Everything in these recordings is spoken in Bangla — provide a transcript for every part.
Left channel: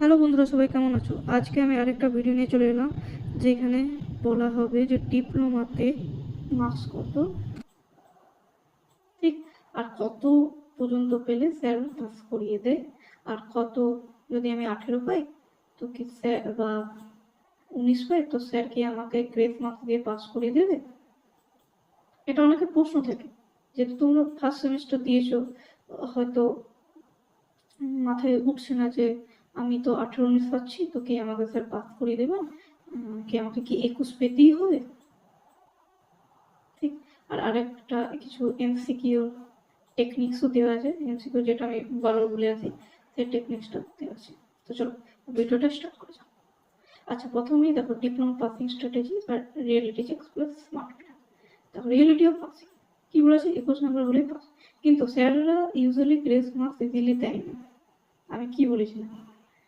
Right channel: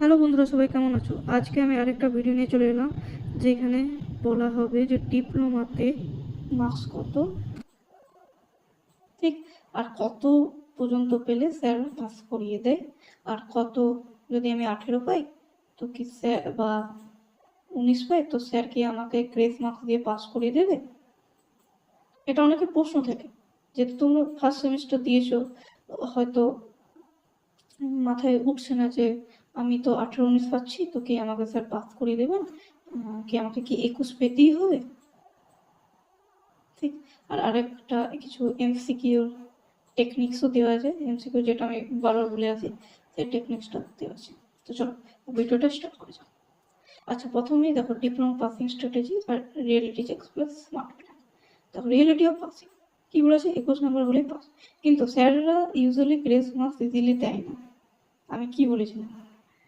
হ্যালো বন্ধুরা, সবাই কেমন আছো? আজকে আমি আরেকটা ভিডিও নিয়ে চলে এলাম, যেখানে বলা হবে যে ডিপ্লোমাতে মার্কস কত, ঠিক, আর কত পর্যন্ত পেলে স্যার পাস করিয়ে দেয়, আর কত যদি আমি 18 পাই তো কি স্যার, বা 19 পাই তো স্যার কি আমাকে গ্রেস মার্কস দিয়ে পাস করিয়ে দেবে। এটা অনেকের প্রশ্ন থাকে, যেহেতু তোমরা ফার্স্ট সেমিস্টার দিয়েছো, হয়তো মাথায় উঠছে না যে আমি তো 18-19 পাচ্ছি, তো কি আমাকে স্যার পাস করিয়ে দেবেন, কি আমাকে কি 21 পেতেই হবে, ঠিক। আর আরেকটা কিছু এমসিকিউ টেকনিক্সও দেওয়া আছে, এমসিকিউ যেটা আমি বারবার বলে আছি, সেই টেকনিক্সটা দেওয়া আছে। তো চলো ভিডিওটা স্টার্ট করে যাও। আচ্ছা, প্রথমেই দেখো ডিপ্লোমা পাসিং স্ট্র্যাটেজি আর reality checks plus smart plan. দেখো রিয়েলিটি অফ পাসিং কি বলেছে, 21 নম্বর হলে পাস, কিন্তু স্যাররা ইউজুয়ালি গ্রেস মার্কস ইজিলি দেয় না। আমি কি বলেছিলাম,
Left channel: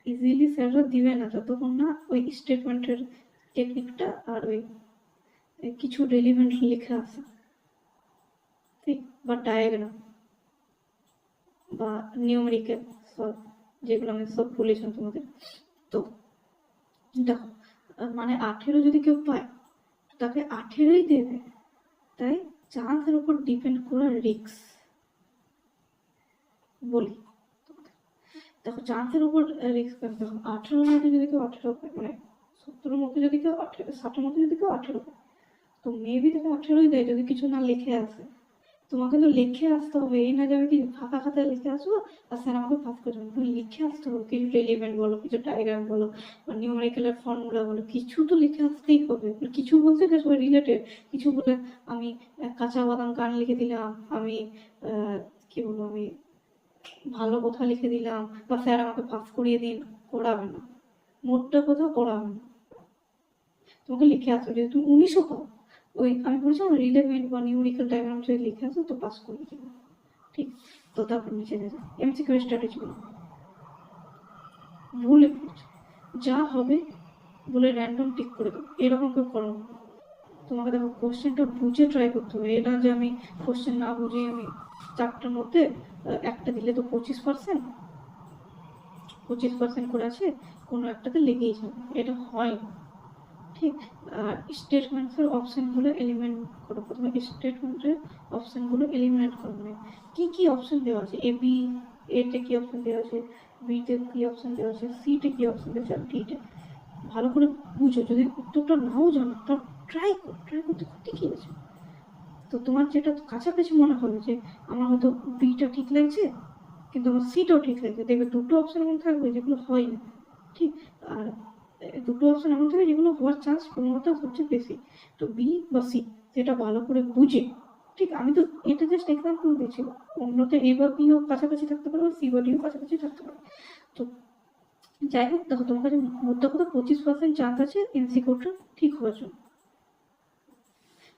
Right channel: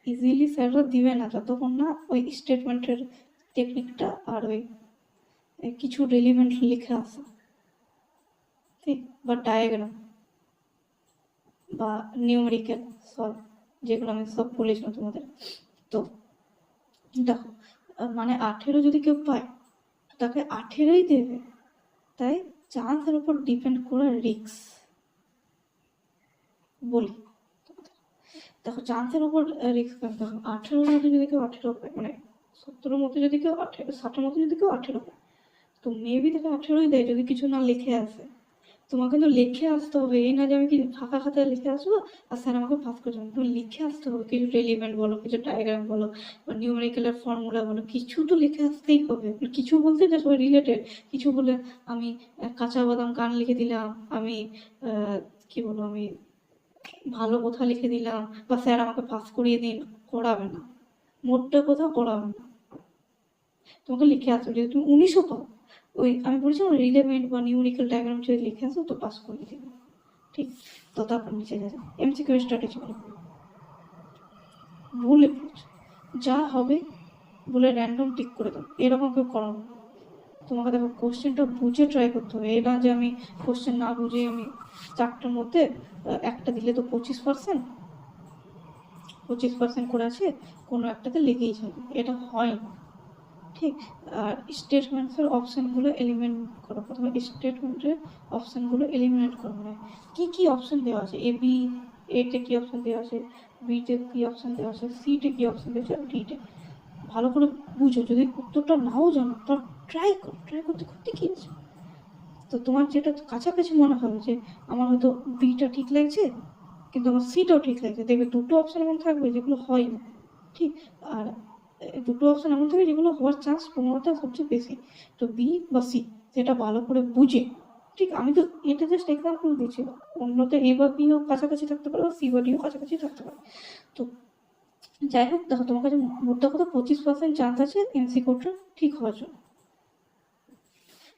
ইজিলি স্যাররা দিবে না যতক্ষণ না ওই স্টেটমেন্টের টেকনিকটা আর ওই কিছু রেলিভেন্ট লেখা আছে, ঠিক, বা ডায়াগ্রাম বা নিউমেরিক্যাল সলভ, যেগুলো আমি সব বলেছিলাম তোমাদের। তো দেখো, মানে 18 যদি কেউ পায় তো তাকে 18ই দেবে, তাই চান্সের উপর ডিপেন্ড করা রিক্স বলি তোমাদের। দেখো চান্সের উপর রিক্স কেন, দেখো 18-র মধ্যে যদি কেউ 18 পায়, মানে 70-র মধ্যে যদি কেউ 18, 60-এর মধ্যে যদি কেউ 18 পায়, তো মেবি তাহলে 18ই দেয় যদি কিছু না লিখে আসে। তোমাকে তো লিখে আসতে হবে, এই না যাবে কি ফাঁকা খাতায় লিখে আসবো আর স্যার আমাকে পাস করে দেবেন। তুমি লিখে আসতে হবে, কিছু রেলিভেন্ট বলো, কিছু ডায়াগ্রাম বলো, বা নিউমেরিক্যালের ফর্মুলা বলো, কিছু তো লিখে আসতেই হবে। কিছু বলতে যে সবাই রিলেটেড কিছু বলে, আমি কাঁচা বাদাম গান লিখে দিলাম, আমি কি বলবো, আমি ভালো কথা লিখে দিলাম, বা স্যার আমাকে পাস করিয়ে দিন, করাবে না। মোটটা কোথাও করাবে না, তোমাকে লিখে আসো। যদি তুমি 19ও পাও, ওই আমি বলেছিলাম রিলেভেন্ট বা নিউমেরিক্যাল ডায়াগ্রাম যদি লিখে আসো তো পাস করিয়ে দিন, ঠিক। তো তারপর নিচে যা যায় এমসিকিউ স্ট্র্যাটেজি গুলো, ভুল অ্যাপ্রোচ, যা হবে বলে র্যান্ডম টিক করে দেবো, এরকম কেউ করো না। তোমাকে দেখো কোশ্চেনটা বুঝে ট্রাই করতে হবে, এটা যে আমি কোশ্চেন না বুঝে আমি চারটের মধ্যে একটা দিলে তো 25% করে আছে, কোনো একটাতে লেগেই যাবে, এটা হয় না, ঠিক। আর স্টেটমেন্টসের অপশানগুলো এলিমিনেট করো, প্রথমে স্টেটমেন্টের অপশানগুলো এলিমিনেট করো, মানে কী কী অপশান দেওয়া আছে, এতে কী অপশান দেওয়া আছে, বিতে কী অপশান দেওয়া আছে, সিতে কী অপশান দেওয়া আছে, ডিতে। ভালো করে বুঝো, যদি উত্তরটা নাও জানো তো ট্রাই করতে করতে কী আছে। তো তোমার যেটা কাছাকাছি মনে হবে যে আমার হয়তো বিটা ঠিক লাগছে কিন্তু আমার সিটাও ঠিক লাগছে, দেখবে দুটো অপশান এমন থাকবে যেগুলো হয় না, ঠিক। আর দুটো অপশন এমন থাকে যেগুলো হওয়ার চান্স সম্ভবত সবচেয়ে বেশি। তো বি বা সি, সেটা ভালো করে বুঝে, ঠিক। আমি তো এটা জাস্ট এক্সাম্পল দিচ্ছি, অন্যতে এ বা বিও কাছাকাছি থাকতে পারে, সি বা ডিও কাছাকাছি থাকতে পারে। তো যাই হোক, দেখো তোমার কাছে মোদ্দা কথা 25% চান্স আছে এমসিকিউটা ঠিক হওয়ার জন্য।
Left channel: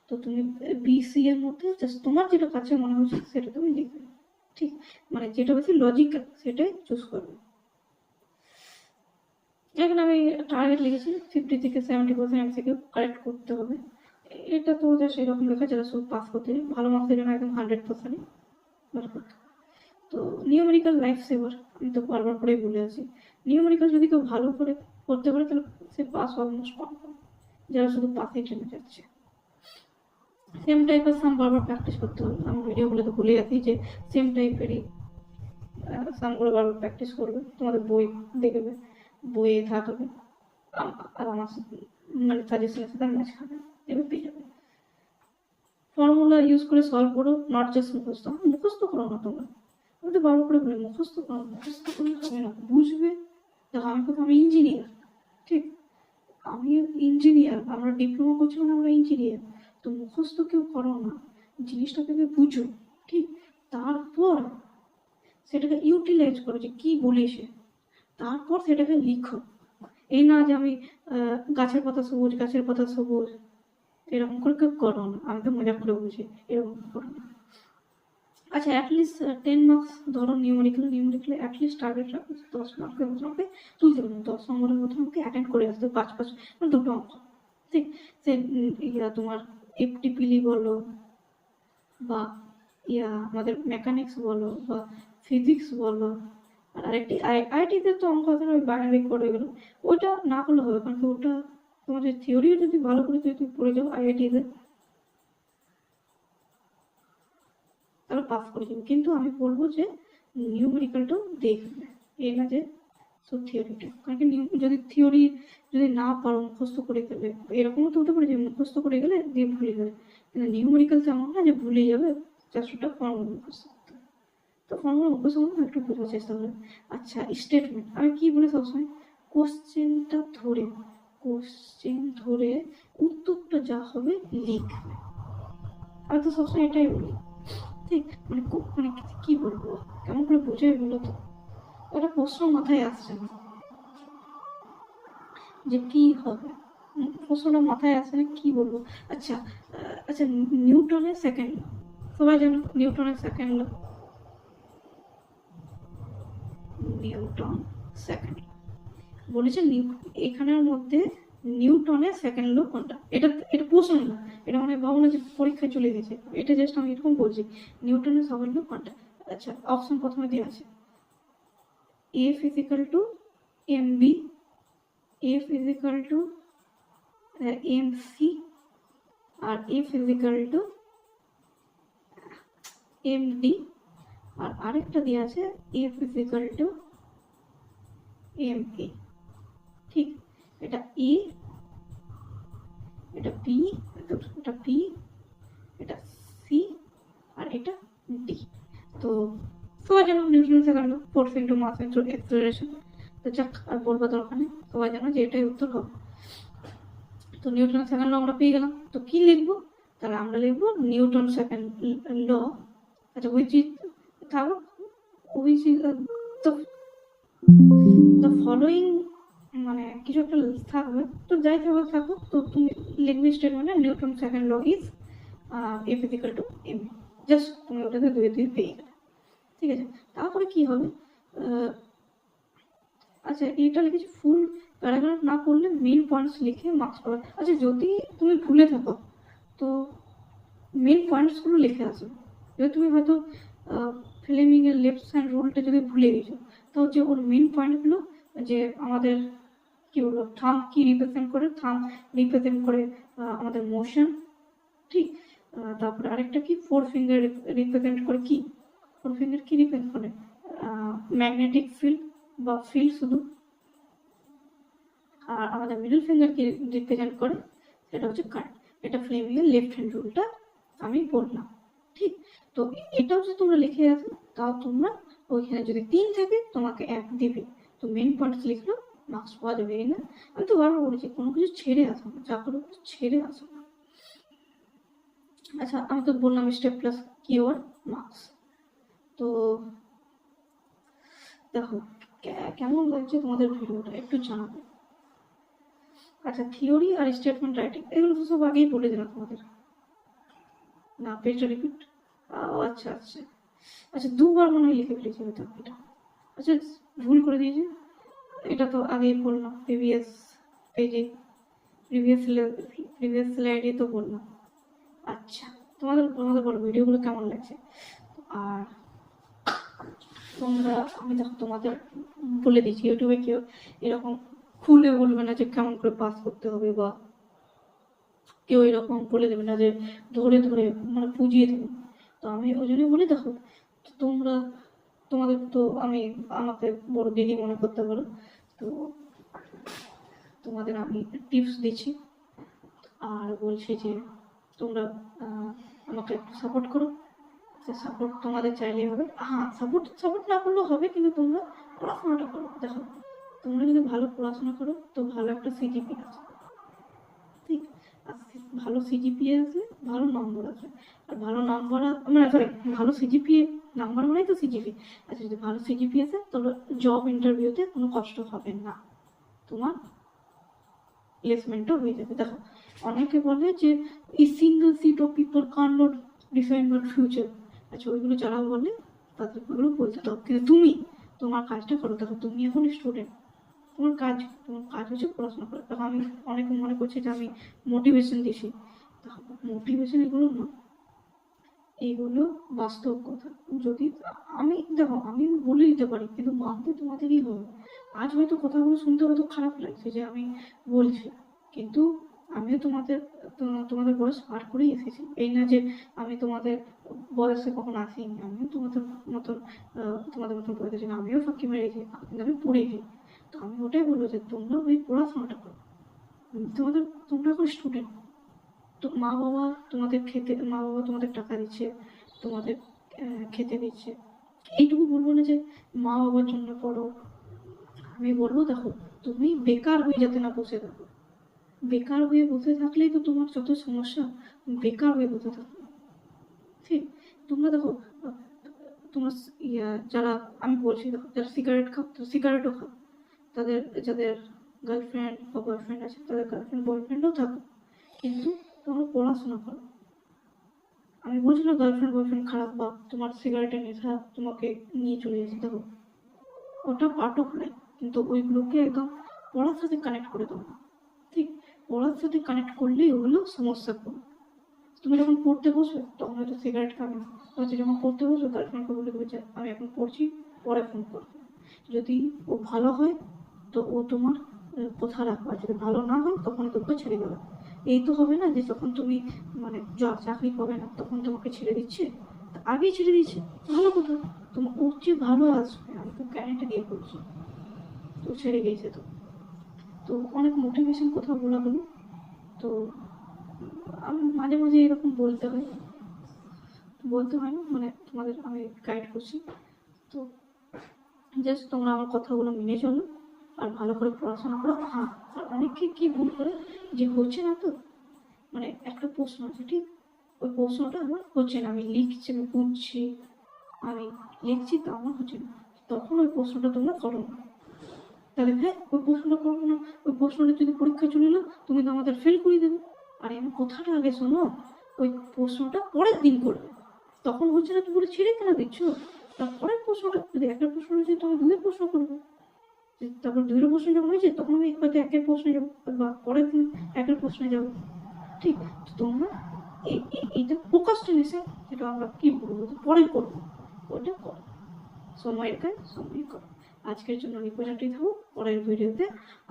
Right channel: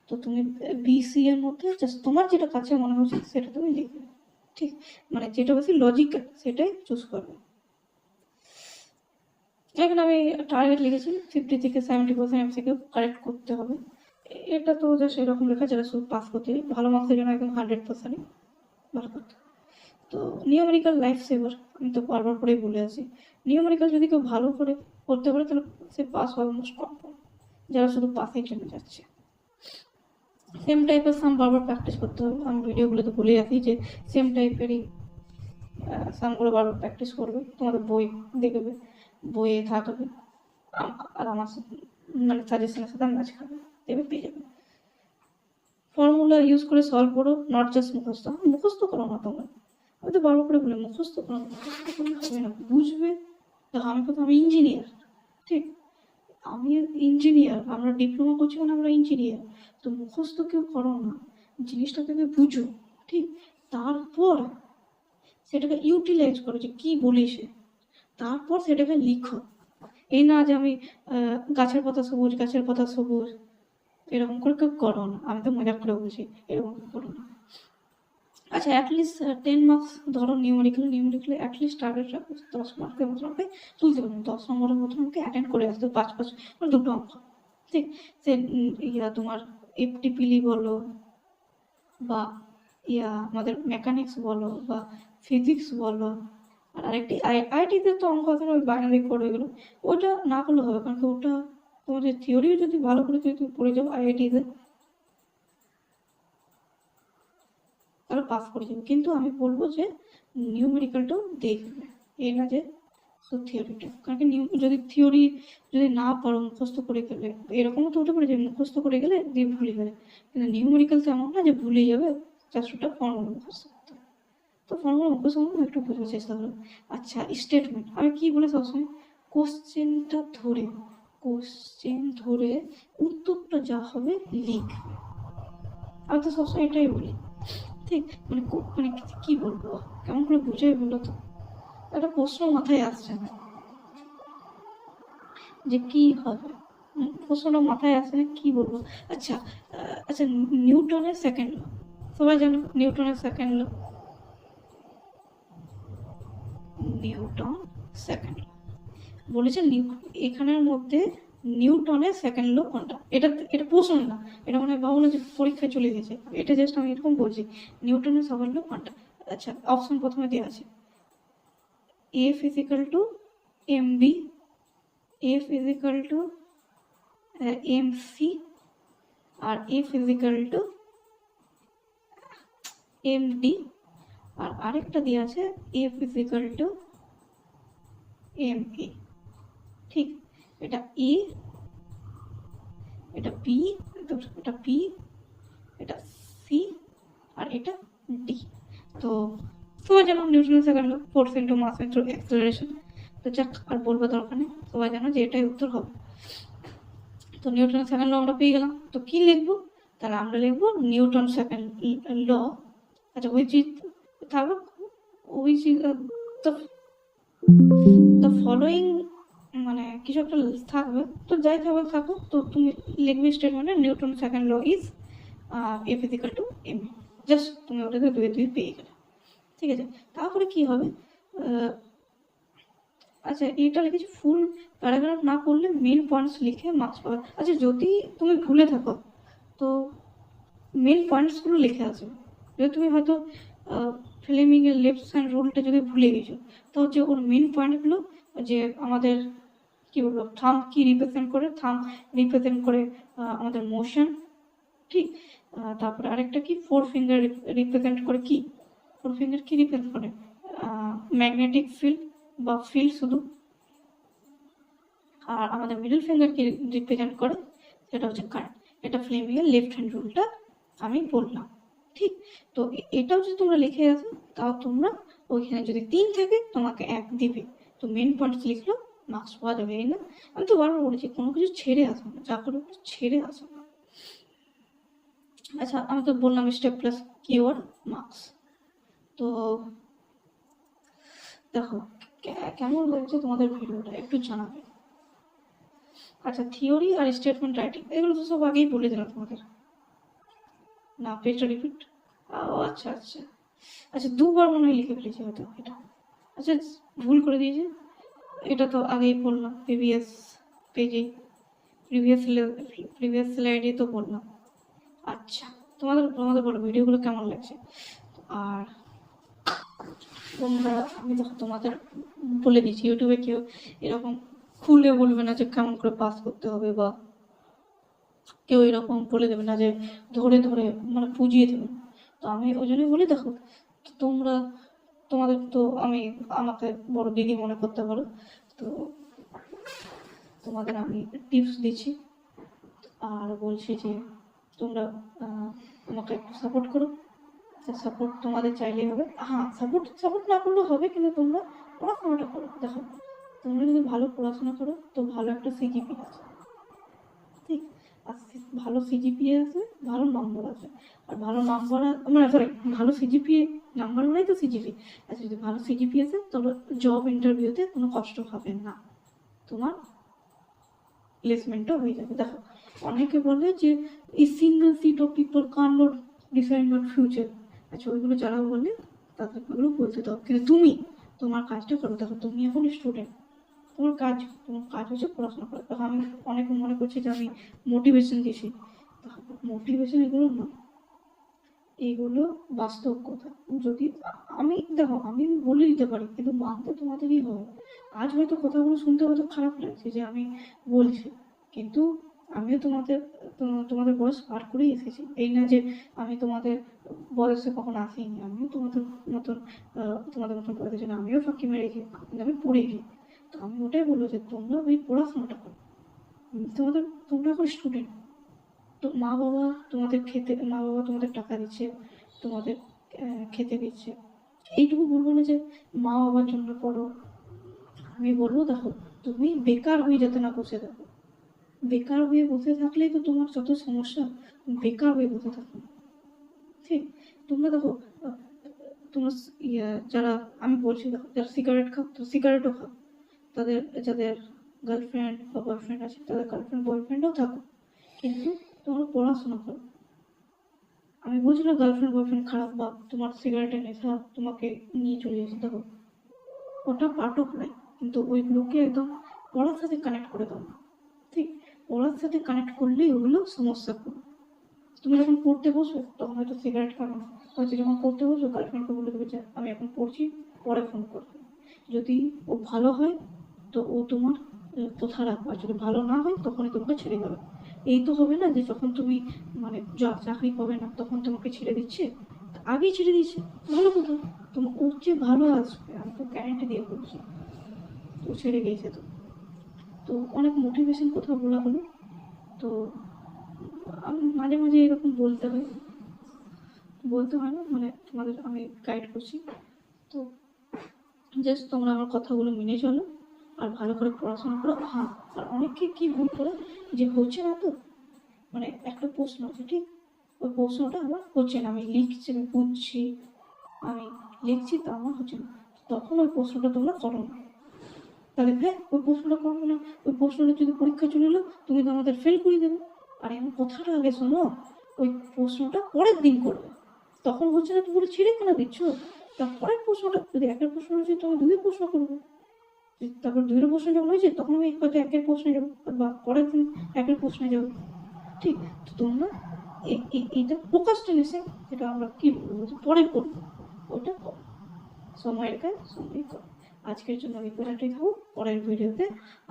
তো তুমি বি সি এর মধ্যে জাস্ট তোমার যেটা কাছে মনে হচ্ছে সেটা তুমি লিখবে, ঠিক। মানে যেটা বেশি লজিক্যাল সেটাই চুজ করবে। এখানে আমি টার্গেট লিখেছি 50 থেকে 70% এমসিকিউ কারেক্ট করতে হবে। এটা তো জাস্ট এরকম লেখা, যারা সব পাস করতে ভালো মার্কসের জন্য একদম 100% ভালো করতে। তো নিউমেরিক্যাল লাইফ সেভার, আমি তো বারবার করেই বলে আছি, নিউমেরিক্যাল যদি কেউ ভালো করে করতে পারে তাহলে সে পাস অলমোস্ট কনফার্ম, যারা শুধু পাসের জন্য যাচ্ছে। সেম টাইপের সাম বারবার প্র্যাকটিস করতে হবে, আমি ভিডিওগুলো তো বলে রাখি যে সেম টাইপেরই সামগুলো বারবার প্র্যাকটিস করবে, তোমাদের বই দেখবে, বইয়ে থাকবে, আর আমার মানে সাজেশনের সাথে ম্যাচ খাবে, এবার পেয়ে যাবে। ফর্মুলা ইউজ করে সলভ করো, নট জাস্ট মুখস্থ। মুখস্থ করো না তোমরা, আমি তো বারবার করে বলি মুখস্থ করো, মুখস্থ করলে হবে না, বুঝবে। দেখো আমি প্রথমে ইঞ্জিনিয়ার, ঠিক, আমি ইঞ্জিনিয়ার, আমরা ডিপ্লোমা করছি মানে আমরা ইঞ্জিনিয়ার। তো মুখস্থ কেউ করো না, জিনিসটা থেকে বুঝো, ঠিক। তারপর সেটাকে ইউটিলাইজ করো যে কি বলেছে, তারপর সেটাকে লিখো। এই না যে আমি গাছের পাতা সবুজ, গাছের পাতা সবুজ, এরকম করে কেউ করো না, আমি তো মজা করে বলছি, এরকম করো না। আচ্ছা, অ্যাটলিস্ট 10 মার্কস ধরো নিউমেরিক্যাল অ্যাটলিস্ট টার্গেট রাখো 10 মার্কের মতন আমাকে তুলতে পারবেন, 10 নম্বরের মতন আমাকে অ্যাটেন্ড করে আসতে 5 5, মানে দুটো অঙ্ক, ঠিক। সে তোমার এফটিপিলি বলো, বা আমাদের মেকানিক্স বলো, বা ফিজিক্স বলো, আর আরেকটি আইআইটিতে তো অঙ্ক আছে না, ওই বাইনারি কোড এগুলো, ওটা না করলে হবে, কারণ কি ওটা তোমাদের থিওরিও যদি ভালো করে যদি তুমি পড়ে যাও আইআইটিতে তাহলে পাস করে যাবে। কিন্তু আমি বলবো যে নিউমেরিক্যালটাও দেখবে, এই না যে শুধু থিওরিটা, কারণ কি যদি থিওরি যদি না পারো মুখস্থ করে গেলে, এরকমও তো হতে পারে যে মুখস্থ করে গেলে দিয়ে ভুলে গেলে, কিন্তু নিউমেরিক্যাল তো এমন না যে ভুলে যাবে, 400টা ফর্মুলা মুখস্থ করতে হবে। তো ফর্মুলা মুখস্থ করতে একটু বোঝার চেষ্টা করবে। আচ্ছা, স্টেটমেন্ট আমি কি বলে সবসময়, কোশ্চেনটা ধরে, কোশ্চেন ধরে উত্তরটা যা হবে লিখবে। আমি তো সবসময় এটাই বলি, ঠিক মানে মানে কি বলবো, কেমন করে বুঝাই বলো তো, একটা প্রশ্ন মাথায় আসছে না যে কি হবে, প্রশ্নটা মাথায় আসে না, কি বলবো। আচ্ছা, আচ্ছা, নিউটনের সেকেন্ড ল, সবাই জানো নিউটনের second law, Newton second law বলেছে, এখানের মধ্যে নিউটনের সেকেন্ড ল কোনটা, এটা এটা প্রশ্ন না, এটা মানে ভাবো না যে পরীক্ষা চলে গেছে, এটা জাস্ট আমি এরকম বলছি, নিউটনের সেকেন্ড ল কোনটা। আচ্ছা, অপশন প্রথমে দেওয়া আছে, F is equal to M B, F is equal to M C, আর F is equal to M D, আর আরেকটা দিয়ে আছে F is equal to M A. ঠিক, এটা ই, এটা বি, এটা পি, এটা সি, আর এটা ডি। তো সবাই জানো নিউটনের second law, force into mass into acceleration. তো যাক, আর বলবার দরকার নেই, সবাই জানো যে এটাই উত্তর হবে। তো নিউটনের সেকেন্ড ল আমরা পেয়ে গেলাম, তো কি লিখবো, তাহলে আমরা লিখবো নিউটন সেকেন্ড ল। আচ্ছা, which is থাকো, which is the following, মানে কিছু একটা থাকবে, তো যাই থাকবে থাকুক, তো তুমি লিখবে স্টেটমেন্টে Newton second law is F is equal to M, just তুমি ওটাতে দুয়ে দুয়ে পেয়ে গেলে। ঠিক আছে, তারপরে কি হবে, আচ্ছা এটা লিখেছি ফুল প্যারাগ্রাফ না পড়লে মেন পয়েন্টস লিখে মার্কস পাওয়া। আচ্ছা, যদি তুমি ভুলে থাকো তো মেন পয়েন্টসগুলো লিখে আসো। যদি তুমি হয়তো ফিল্মিং এর লেফট হ্যান্ড রুলটা যদি ভুলে গেছো, তো যে ওর মেন পয়েন্টগুলো, যে আমাদের কি বলবো, থাম কি রিপ্রেজেন্ট করে, থাম রিপ্রেজেন্ট করে আমাদের মোশন, ঠিক, তারপরে আরেকটা কি ফোর ফিঙ্গার রিপ্রেজেন্ট করে, কি ফোর ফিঙ্গার কি রিপ্রেজেন্ট করে, ম্যাগনেটিক ফিল্ড বা ফিল্ড শুধু, আর আমাদের মিডল ফিঙ্গার কি রিপ্রেজেন্ট করে, সেটা হচ্ছে কারেন্ট। এটা ফ্লেমিং এর লেফট হ্যান্ড রুলটা আমি বললাম। ঠিক, তো এটাও যদি তোমরা লিখে রাখো, তাও তোমরা ওইখানে যদি 3 থাকে তোমাকে 1 দেবে। তো মেন পয়েন্ট লিখলো মার্কস পাওয়া যাবে। না, আমি তো বারবার বলেছি কোনো কিছু ছেড়ে আসো না, যা করো ছেড়ে আসো না। আচ্ছা, আমি তো বললাম স্টেপ প্লাস কিওয়ার্ড মার্কস। তো দেখো কেমন লাগছে তোমাদের ভিডিওটা একটু জানাবে। আচ্ছা, থিওরি আর স্টেটমেন্ট রাইটিং এগুলো তো সব আগেই বলে দিলাম তোমাদের, না পেজটা রিপিট। আচ্ছা আচ্ছা আচ্ছা, দুবার মনে হয় লিখে ফেলেছি হয়তো এটা। আচ্ছা, ভুল করে দিয়েছি, এটা তো আগেই বললাম প্রিভিয়াস পেজে, প্রিভিয়াস স্লাইডে তো বললাম। আচ্ছা, তোমাদের তোমাদের বলো ভিডিওগুলো কেমন লাগছে। আর তোমরা, আমি দেখো তোমাদের বলে দিচ্ছি, ইউটিউবে কেউ এরকম খুলে বলবে না যে কেমন করে পাস করতে হবে, বা কেউ এরকম বলে দেবে না যে ধরে ধরে মানে বুঝিয়ে দেবে। তো আমি ওই জন্যই বলি, দেখো তোমরা, তোমাদের তো আমি আমাকে বড় দিদি মনে করতে পারো, তো তোমাদের আমি টিপস দিচ্ছি আর বলছি যে তোমরা আমাকে একটু সাপোর্ট করো। সাপোর্ট তোমাদের চাইলেই হবে, হ্যাঁ সাপোর্ট সাপোর্ট না করলেও হবে, কিন্তু তোমরা পড়াশোনাটা করো। দেখো, তোমরা যদি ভালো পড়াশোনা করো তো ভালো একটা সিজিপি আছে, ঠিক, আর ভালো সিজিপিএ আসলে ভালো নম্বর আসবে, আর ভালো নম্বর মানে সরি, ভালো সিজিপিএ নাম্বার মানে তো সিজিপি। আচ্ছা, যদি ভালো সিজিপি আসে তাহলে জব ইন্টারভিউতে কোনো কষ্ট হবে না, তোমার প্লেসমেন্টও হয়ে যাবে। দেখো, অনেকে বলে যে এই সিঙ্গেল সিট অফ পিপল কান নট ডিফাইন ইউর ফিউচার। আচ্ছা, ওইগুলো যারা বলে তাদের ওগুলো বলতে দাও, কিন্তু তুমি তোমার কাজটা করো। দেখো, তুমি এখন স্টুডেন্ট, তোমার কাজ হচ্ছে পড়াশোনা করা। দেখো, আমি অনেকে মনে করছি যে আমি মোটিভেশন দিচ্ছি, মোটিভেশন এগুলো না, এইগুলো বাস্তব কথা। যদি আমি দেখো, আমি বলে দিতে পারি, কিন্তু মানতে তোমাদেরই হবে। আজ হয়তো কথাগুলো শুনতে হয়তো খারাপ লাগছে যে আমি বলছি, কিন্তু আমিও তোমাদের বয়স পার করেই এসেছি। এই না যে আমি তোমাদের বয়সে কখনো আসিনি, আমিও তোমাদের মতন পড়েছি না, আমিও ফাঁকি মেরেছি, কিন্তু আমি পড়েছি। তো আমি ওটাই বলবো যে তোমরা ওই পড়াশোনাটা করো। তোমরা এখন স্টুডেন্ট। তো মা বাবা তোমাদের টাকা দিচ্ছে, তোমাদের খেতে দিচ্ছে। এইটুকু বলবো না যে মা বাবার জন্য পড়ো। আমি বলবো দেখো, তুমি বেকার হয়ে যাতে না বসে থাকো। বেকার হয়ে বসে থাকলেই তো তোমার যত সমস্যা, বেকার হয়ে বসে থাকো না। ঠিক? তোমরা দেখো, আহ, তোমরা যারা, আমি বলছি দেখো, যারা সিগারেট খাও, তো সিগারেটও খাও। তাদের যাদের গার্লফ্রেন্ড বা বয়ফ্রেন্ড আছে, তাদের গার্লফ্রেন্ড বয়ফ্রেন্ডও থাকো, কিন্তু তোমরা পড়াশোনা করো। আমি বলছি না গার্লফ্রেন্ড বয়ফ্রেন্ড খারাপ বা তোমার সিগারেটের নেশা তোমাকে নিয়ে চলে যাচ্ছে, দেখো ওটা পার্ট অফ লাইফ, কিন্তু ওইগুলোকে একদম পড়ার সাথে কানেক্ট করে দাও। ঠিক? পড়ার সাথে কানেক্ট করলেই ওগুলো সমস্যা করবে। তুমি যখন পড়তে বসবে তখন হয়তো সিগারেট খাবে না, হয়তো যখন পড়তে বসবে গার্লফ্রেন্ডকে বলে দেবে যে আমি এখন পড়ছি, পরে ফোন করবে। যদি ও ভালো হয় তো ও তোমার কথা রাখবে, আর যদি ভালো না হয় তখনই তোমাকে ছেড়ে যাবে। এই তো হবে না যে যখন তুমি মানে চাকরি পাবে না তখন তোমাকে ছেড়ে দিচ্ছে, আগেই ছেড়ে দিচ্ছে, ভালো কথা। তোমার ওর চেয়ে ভালো আসবে, আমি তো গ্যারান্টি দিয়ে বলছি। তো ছেড়ে গিয়েছে তো। তো অনেক মোটিভেশন কোথাও বলা হলো। তো মাঝে মাঝে এরকম বলতে হয় না, মানে তোমাদের আমি গাইড করছি। তো জাস্ট তোমরা আমার কথাগুলো মেনে চলো আর ভালো করে পড়াশোনা করো। হ্যাঁ, আর অনেকে কি ভুল করে যে হচ্ছে না, তো মানে একটা প্রশ্ন আছে, ঠিক? ওই প্রশ্নটা আমার হচ্ছে না, আমি লিখছি, আমি বুঝছি, আমি লিখছি, তা আমার হচ্ছে না, তখন ওই প্রশ্নটা তোমরা করো না। তাহলে হ্যাঁ, ওই প্রশ্নটা করো না, ওই প্রশ্নটা যদি পরীক্ষা চলে এলো তুমি তো আমাদের ফেল করে দেবে। আর এমন কথাটা আগে শোনো, ওই প্রশ্নটা পরের দিন করবে, তখন হচ্ছে না তুমি বলে ছেড়ে কেন দিচ্ছ? তার পরের প্রশ্নটা যদি একটা প্রশ্ন হচ্ছে তুমি দুই প্রশ্ন করবে, তারপর দুইটা প্রশ্ন যখন হয়েছে তখন আমি হয়তো একের প্রশ্নে যাবো, বা পরের দিন একের প্রশ্নে যাবো। ঠিক? তো তোমরা এটা প্রোক্রাস্টিনেশন, যেটা আমরা কি বলবো, যে পরে করবো, ওটা করো, সময়ের কাজ সময় করো। আজকের জন্য আমি পর্যন্তই থাকবো। পরের ভিডিওতে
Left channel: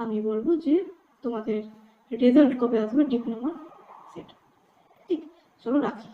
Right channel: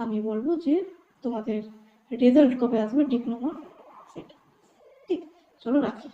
আমি বলবো যে তোমাদের রেজাল্ট কবে আসবে ডিপ্লোমা, সেটা। ঠিক? চলো রাখি।